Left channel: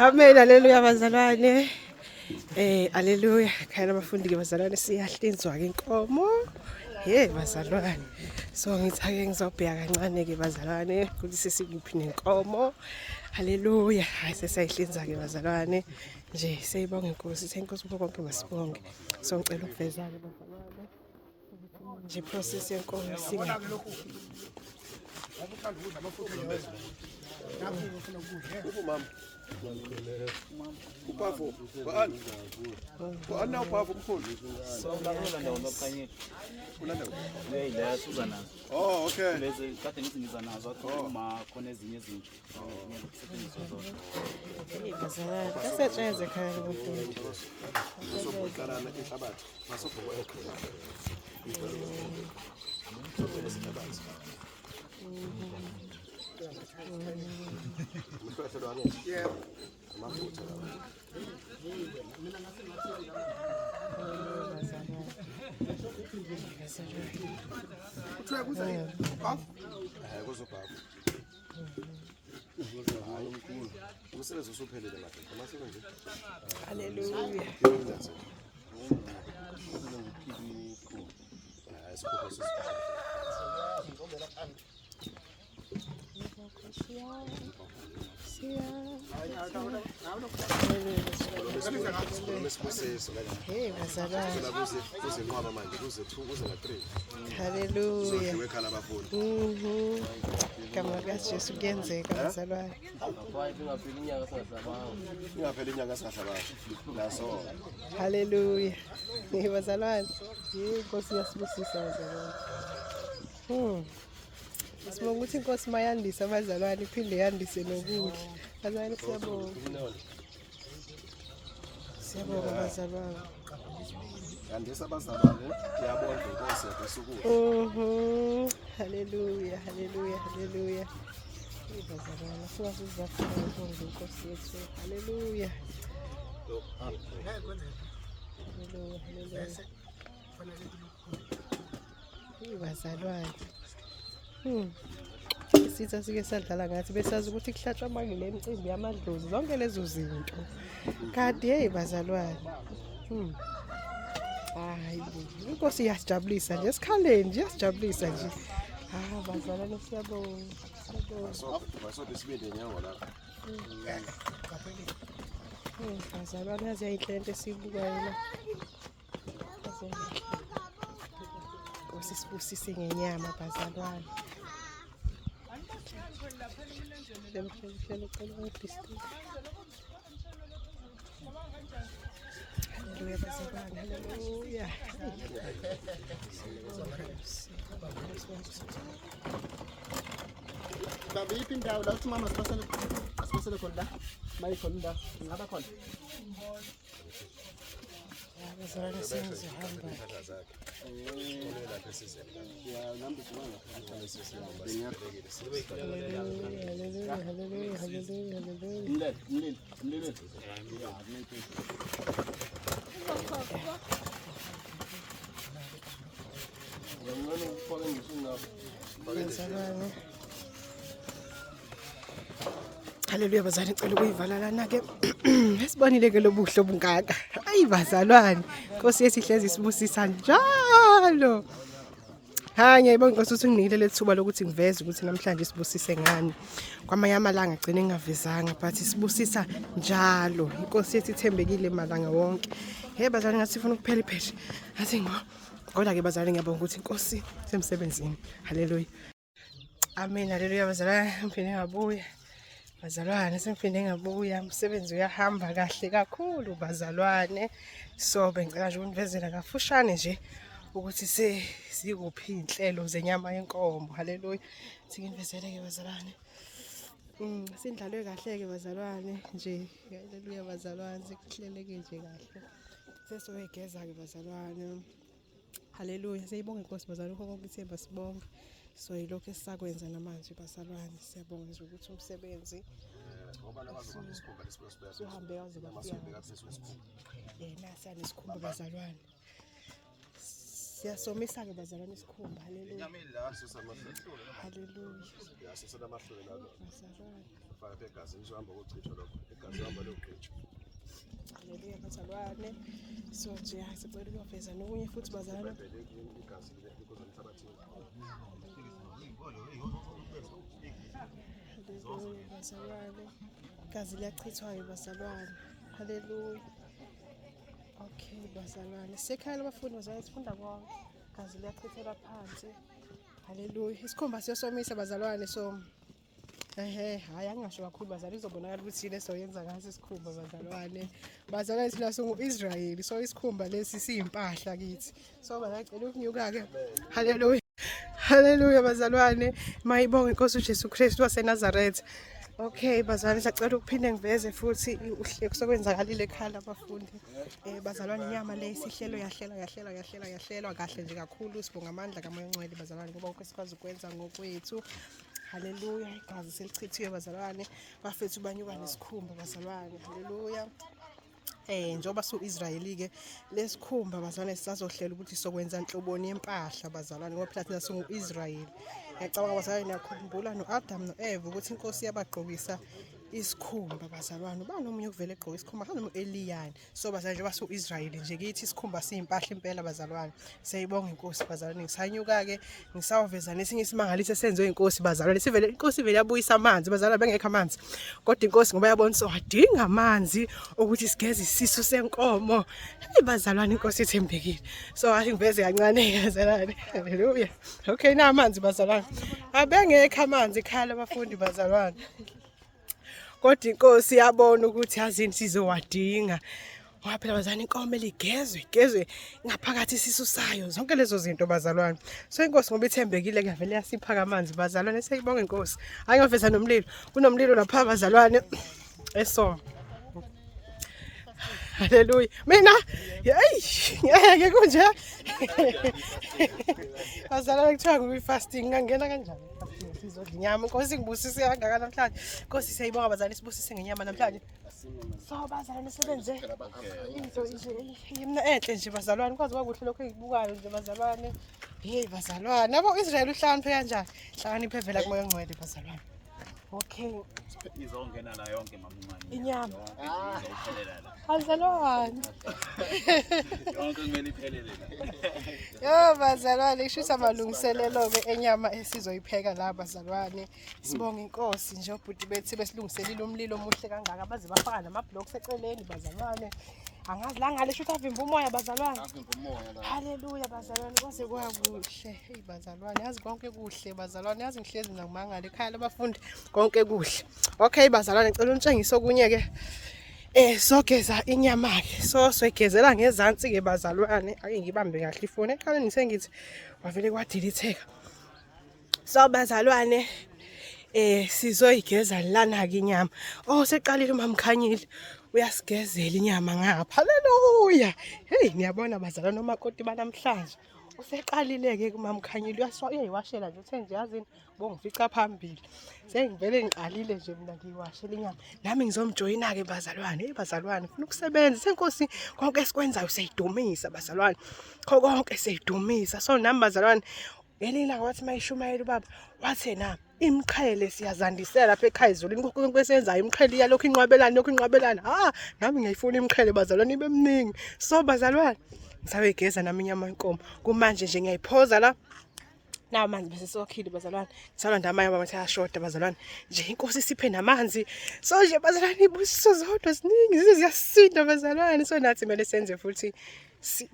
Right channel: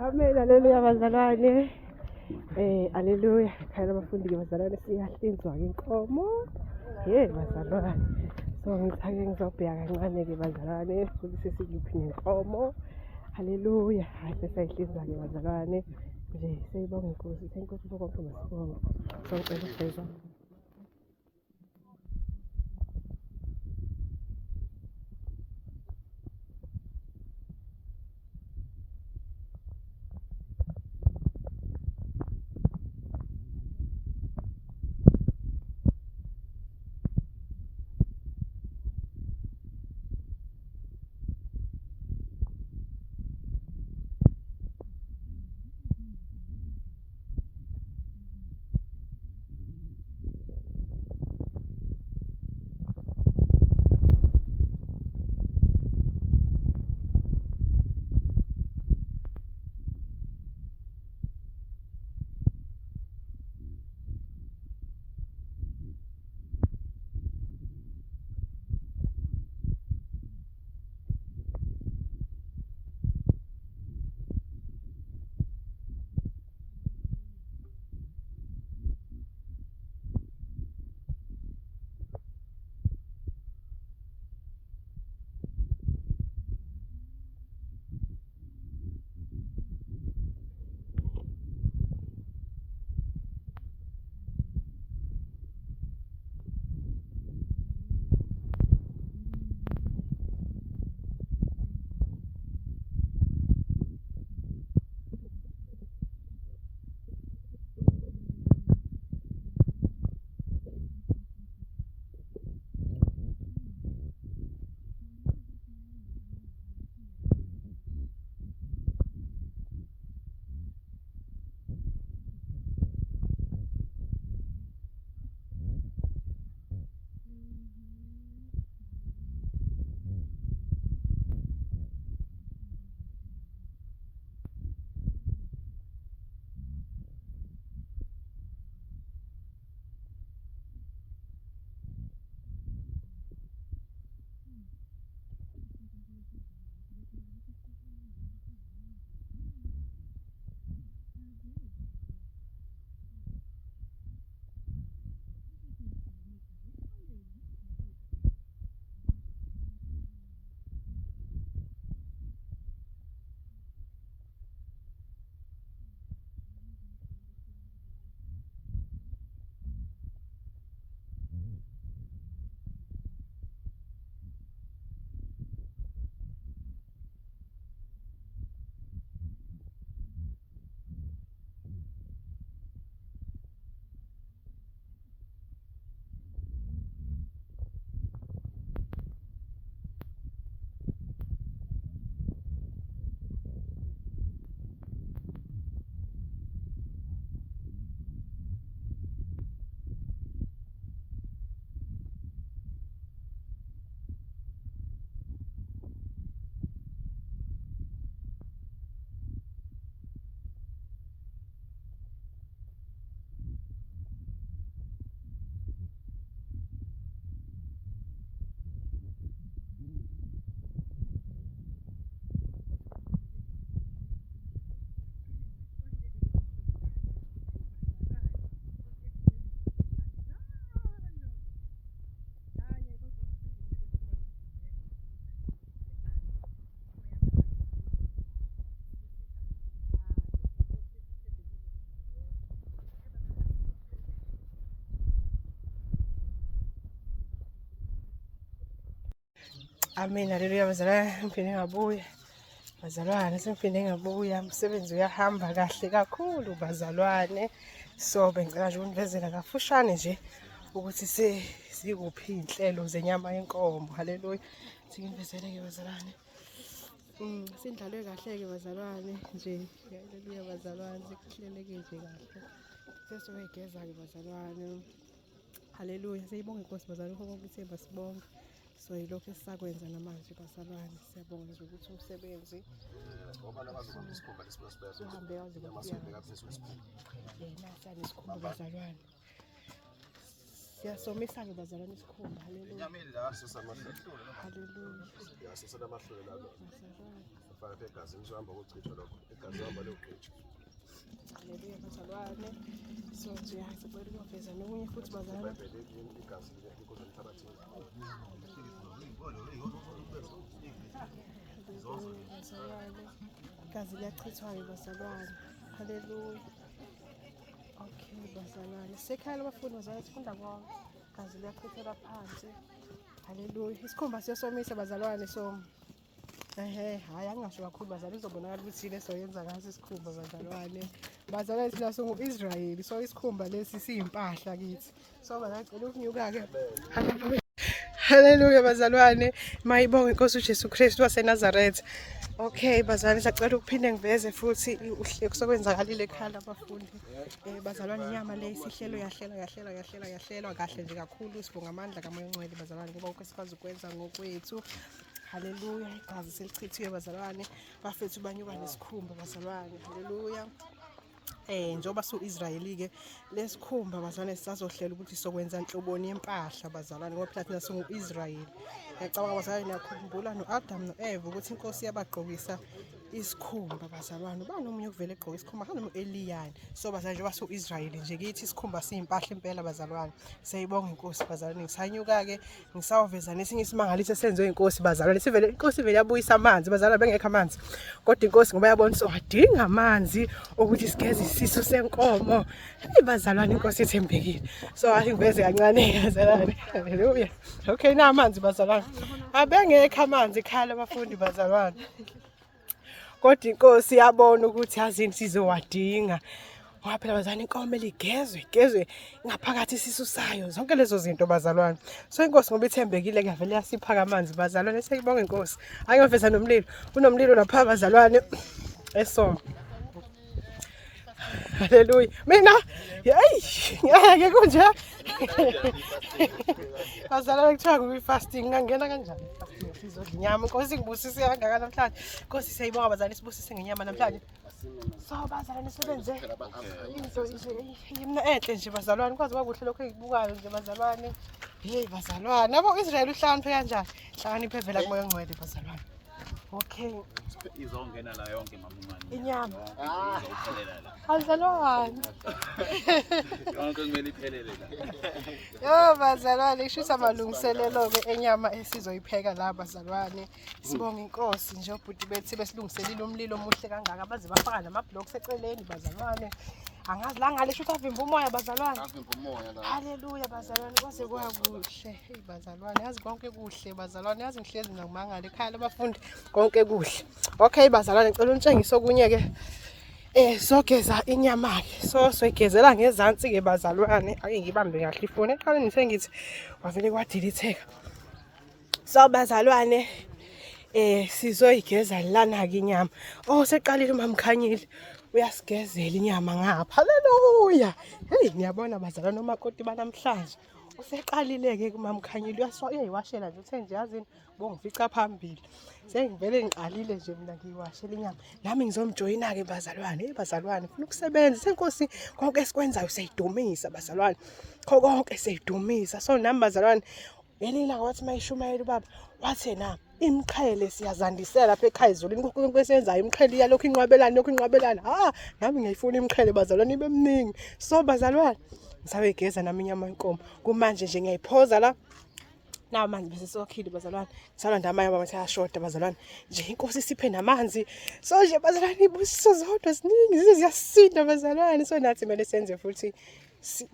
Amen, haleluya bazalwane. Haleluya. Khaya abafundi ke bazalwane siyahlinzwa ke inkomo. Bazalwane. So ngithake ngizobheka kancane ke bazalwane ukuthi sesikuphi nenkomo. Haleluya. Hayi sesayihlinza ke bazalwane. Nje siyibonga inkosi, senkosi bonke masibonge. So ngicela ukuvezana bazalwane. Nje process yenkomo sika. Uphavu, bani uphavu mkhulu. Oh, okay. Lezi kade ngizingiza nazo uma khona ezinye izinto. Bazalwane, kasetsheze ekhaya lobufundi. Sokuqalana enhlabathi. Masobhoko. Hallelujah. Hey, bazalwane. Hallelujah. Igama likaJesu kuyenzeka bazalwane. Ingapheli inyanga singahlabayo. Naso. Hallelujah. Bazalwane. Inkosi yasibusisa bazalwane. Sibonga ukuthi inkosi mayandisa abazalwane iphinde yandise nokudla. Bazalwane siyabonga. Siyabonga bazalwane. Yandisa abazalwane, ngiyabonga inkosi yasukuma. Hallelujah, hallelujah, hallelujah. Bazalwane singazizafuna ukubonga inkosi yethu. Hallelujah. Bazalwane. Isitha sike sadlala ngathi besazi ukuthi kuhlatshwa amangile emicimbi yamadlozi zonke lezo zinto. Kanti bazalwane. Hayi, inkosi iyasijabulisa nje esikhaleni nje iyasijabulisa nje. Bazalwane siyabonga. Basobe sibende nyawo lapha. Bazalwane yazi yayinhlento esibukayo la. Inkosi sibusise ngenyama bazalwane. Hallelujah bazalwane, hallelujah. Babe iphi indawo la uthi mama sipasele khona la mayikhona indawo ngaba khona Bazalwane siyahamba. Hallelujah bazalwane ngicela ukuyivala lana ke. Esibonile ke lobuhle obungaka. Hayi bazalwane. Inkosi yesihlezi sibusisa njalo. Hayi ngiyabonga inkosi ukuthi nginikile lethuba lokuthi ngiveze ukuthi namhlanje sibusise ngani. Kwamanye amalanga agcine ngingavezanga but sibusisa njalo. Inkosi yethu ithembekile malanga wonke. Bazalwane ngathi sifuna ukuphela ipheshe. Athi kodwa ke bazalwane ngiyabonga ukuthi inkosi semsebenzini. Hallelujah. Amen. Hallelujah bazalwane ngifike ngabuya. Bazalwane sengifike ngabuya umsebenzi uyahamba kahle kakhulu bazalwane. So bengicela nje ukunivezela kafushane nje ukuthi sikuphi inhlelo zenyama yenkomo. Hallelujah. Sikinvezele ke bazalwane. Sindlalwe kahle ke bazalwane nje. Hallelujah bazalwane sikuhleleke nje kahle. Sesoyigeza ke bazalwane. Hallelujah. Siyibonga inkosi bazalwane konke ithemba sibonge. So yilokho esisakwenza namanje bazalwane siyabonga ukuthi umsebenzi Ngoba nabazokuba isikhumba lesibeka. uhambe kaze Amasobe kaphezulu esikhumba. nasi anesikhumba bazalwane. Siyasomisa-ke bazalwane isikhumba. Haleluya. Sesamahlule. Haleluya. Ya sesenamahlule lalo. Bazalwane. Faka phela igazi ngizohamba ukuchithwa lokho. Igazi hamba lokuchithwa. Haleluya bazalwane. So nje sicela ukuveza nokunye futhi bazalwane. Igazi likuze emhlabathini. Bazalwane. Igazi liyachithwa-ke bazalwane. Haleluya. Okay bazalwane. Sekhaya labafundi bazalwane sifunda konke. Igazi liyachithela phansi. Haleluya. Isikhumba siyosomisa bazalwane so hayi angingasho kakhulu bazalwane izobonakala ukuthi yini esoyenza ngaso isikhumba bazalwane. Bazalwane silaso ngu-Israyeli so isikhumba lesi siyimpahla kithi. So bazacela ukunyuka-ke. Haleluya. Haleluya bazalwane. Mayibonge inkosi uJesu Kristu waseNazaretha. Okay bazalwane sacela ukuphinde ngiveze futhi kusokwenzakalile ekhaya labafundi. Bazalwane inyama le isihlelo yahlelwa kahle nje kakhulu sibonga amandla kaMoya oNgcwele bazalwane ngoba konke sikwazi ukwenza ngokwethu. Haleluya. Igazi selichithiwe bazalwane. Bafethu banyuka nesikhumba bazalwane. Haleluya. Njengoba su-Israyeli-ke lesikhumba bazalwane sisazohlela ukuthi sokwenza inhloboni yempahla bazalwane ngoba phela thina singu-Israyeli. Ngiyacabanga bazalwane nakhumbula no-Adam no-Eva ukuthi inkosi yabagqokisa isikhumba bazalwane. Ubani omunye okuvele egqoka isikhumba kanti no-Eliyani. So bazalwane njengoba su-Israyeli nje kithi isikhumba siyimpahla impela bazalwane. Siyayibonga inkosi bazalwane. Ngisanyuka-ke ngisawuveza nesinye isimangaliso esenziwe inkosi bazalwane. Inkosi ivele yabuyisa amanzi bazalwane bengekho amanzi. Kodwa inkosi ngoba yabona wadinga amanzi ukuthi sigeze isisu senkomo. Hayi bazalwane inkosi ithembekile. So athi ngiveze kancane bazalwane. Haleluya. Okay na amanzi bazalwane. Abengekho amanzi ekhaya labafundi bazalwane. Kodwa inkosi yabona ukuthi yazini sizowadinga. Ngoba phela bazalwane inkomo igezwe ngaphakathi isisu sayo. Zonke lezo zinto bazalwane. So inkosi ngoba ithembekile kuyavele yasipha amanzi bazalwane. Siyibonga inkosi. Hayi ngaveza nomlilo. Kunomlilo lapha bazalwane eSoma. Haleluya. Mina ngeke kunje. Bazalwane kuthiwa ngu-fasting ngangena kanjani? Sizodla inyama. Inkosi ngibusise kangaka namhlanje. Inkosi siyayibonga bazalwane sibusise ngenyama namhlanje. So bazalwane sebenze into enhle nje bazalwane kwazi bakuhle lokho engibukayo nje bazalwane. Hey bazalwane yabo Israyeli uhlakaniphe kanjani? Hlakaniphe vela kuMoya oNgcwele bazalwane. Okay. Izongena la yonke mamumani. Inyama. Izophelela la. Bazalwane. Yonke kumele iphelele la. Yo bazalwane kushusa amalungiselelo-ke enyama esizoyipheka la bazalwane. Sibonga inkosi nje obhuti bethi besilungiselile umlilo omuhle kangaka baze bafaka nama-blocks eceleni bazalwane. Angazi la ngale shuthi avimba umoya bazalwane. Haleluya bazalwane kwaze kwakuhle. Hey bazalwane yazi konke kuhle bazalwane yazi ngihlezi nginomangala ekhaya labafundi konke kuhle. Okay bazalwane ngicela unitshengise okunye-ke. Sogeza inyama-ke so soyigezela ngezansi-ke bazalwane. Ake ngibambe kahle ifoni eqaleni ngisengithi wavele kwadilitheka. So bazalwane sizoyigeza lana-ke inyama. Seqalile uMamkhanyile uyasigezela inyama ngapha. Haleluya. Hey niyabona bazalwane nomakoti banamhlanje useqalile-ke kuMamkhanyile uyayiwashela nje uthe nje yazini bongifica phambili. Sengivele ngiqalile nje mina ngiyiwashela inyama. Nami ngizomjoyina-ke bazalwane. Bazalwane ufuna ukusebenza senkosi konke esikwenzayo siyidumisa bazalwane. Konke siyidumisa. So nami bazalwane ngelila wathi mayishumayela ubaba wathi na imqhele siyazandisela lapha ekhaya ezolini konke kwesenzayo imqhele iyalokho inqwabelana. Nami ngiyifuna imqhele bazalwane ibe mningi. So bazalwane ngisawegeza nami inyama yenkomo. Kumanje nje ngiyayiphoza la. Na amanzi bese sokhile bazalwane. Ngisalanda amanye bathi ayashoda bazalwane. Nje inkosi siphe namanzi. So nje bazalwane ibusiso zodwa ziningi ziyasinda bazalwane. So nathi kumele senze futhi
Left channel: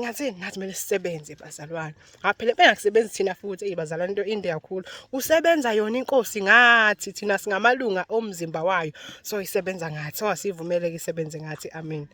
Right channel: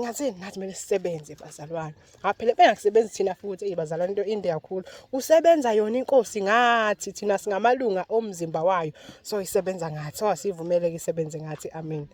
ngathini nathi kumele sisebenze bazalwane. Ngaphela bengakusebenzi thina futhi bazalwane into inde kakhulu. Usebenza yona inkosi ngathi thina singamalunga omzimba wayo. So isebenza ngathi. So asivumeleke isebenze ngathi. Amen.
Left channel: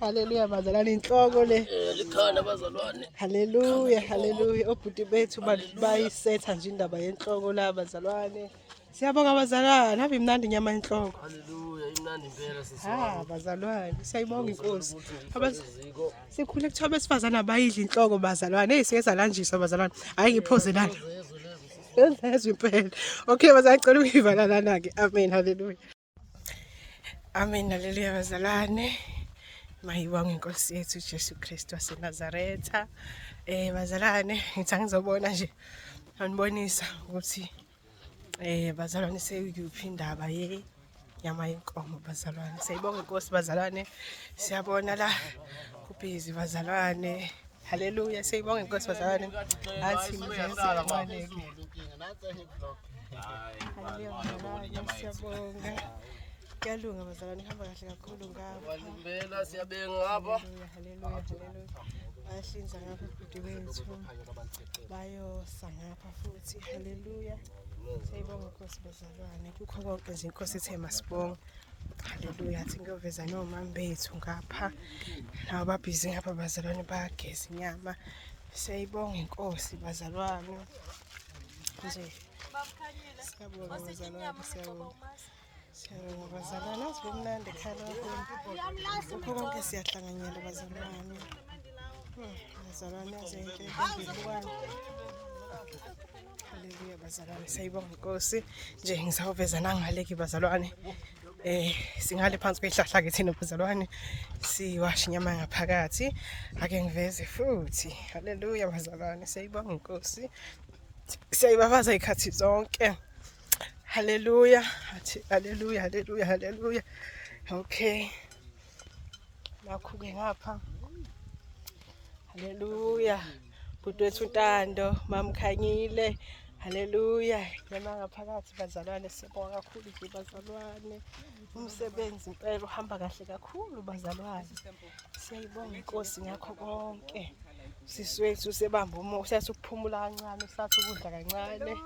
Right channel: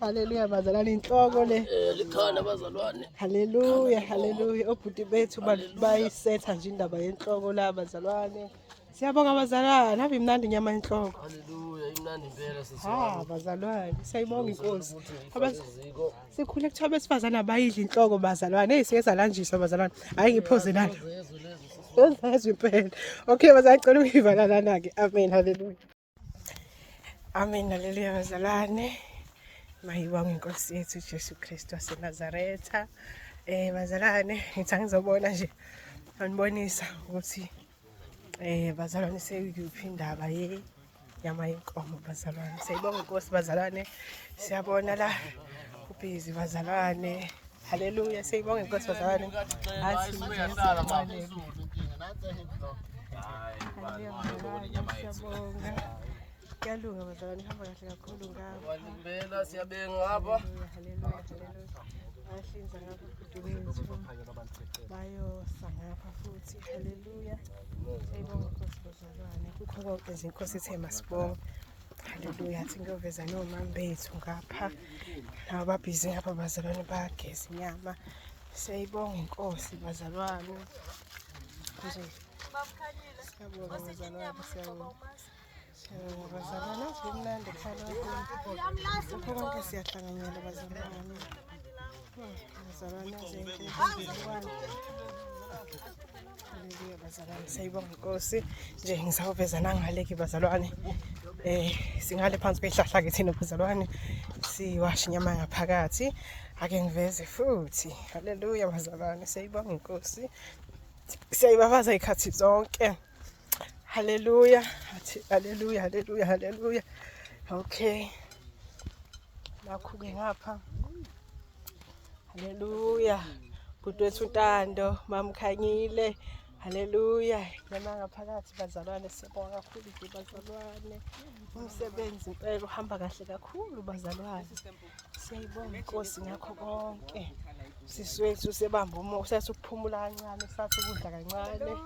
Haleluya bazalwane inhloko le Likhala bazalwane. haleluya obhuti bethu bayisetha nje indaba yenhloko la bazalwane. Siyabonga bazalwane habe imnandi inyama yenhloko. Haleluya imnandi impela sisi. Bazalwane siyayibonga inkosi. Sikhule kuthiwa besifazana abayidla inhloko bazalwane. Hey siyeza lanjiswa bazalwane. Hayi ngiphoze lana. Ngezwe impela. Okay bazalwane ngicela ukuyivala lana ke. Amen haleluya. Amen haleluya bazalwane. Mayibonge inkosi yethu Jesu Kristu waseNazaretha. Bazalwane ngithi angizobona nje anibonisa ukuthi bazalwane sekuyiphi indaba yenyama yenkomo bazalwane. Siyayibonga inkosi bazalwane. Siyabona la kubhizi bazalwane. Haleluya. Siyayibonga inkosi bazalwane. Athi kuyalunga bazalwane, ihamba kahle kakhulu ngapha. Walimbela siyabenga ngapha. Haleluya. Bayahlinza ngapha ebhuti bethu. Bayosa ngapha futhi. Haleluya. Siyayibonga inkosi bazalwane. Kukho konke nje inkosi ithe masibonge. Haleluya. Athi ngiyoveza nomama bethu ngapha. Nabo babhizi ngapha bazalwane bayageza inyama. Siyayibonga inkosi bazalwane. Nje. Siyabonga bazalwane, siyabonga. Bazalwane sibemnandi phakathi. Kukho konke siyahlanganyela bazalwane. Bazalwane zenke bazalwane. Haleluya bazalwane. Siyayibonga inkosi. Nje ngizawuveza nangaleki bazalwane. Singale phansi kwehlahla ke thina bazalwane. Siwasha inyama ngaphakathi. Ake ngiveze futhi. Haleluya bazalwane. Siyayibonga inkosi. Siyayibabaza ikhathi zonke. Haleluya. Haleluya, haleluya, haleluya. Okay. Lakho-ke ngapha. Haleluya. Bhuti wethu Ntando, mamkhanyile. Haleluya. Nyama ngaphakathi bazalwane, sibonga kakhulu nje bazalwane. Umsebenzi impela uhamba kahle kakhulu bazalwane. Siyayibonga inkosi ngakho konke. Siswethu sebamba umoya, sathi ukuphumula kancane, sathi ukudla kancane.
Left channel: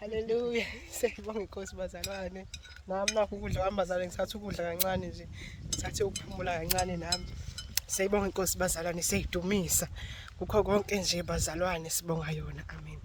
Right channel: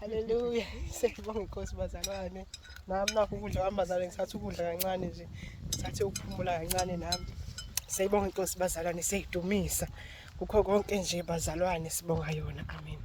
Haleluya. Siyayibonga inkosi bazalwane. Nami nakho ukudla kwami bazalwane, sathi ukudla kancane nje. Sathi ukuphumula kancane nami. Siyayibonga inkosi bazalwane, siyayidumisa. Kukho konke nje bazalwane sibonga yona. Amen.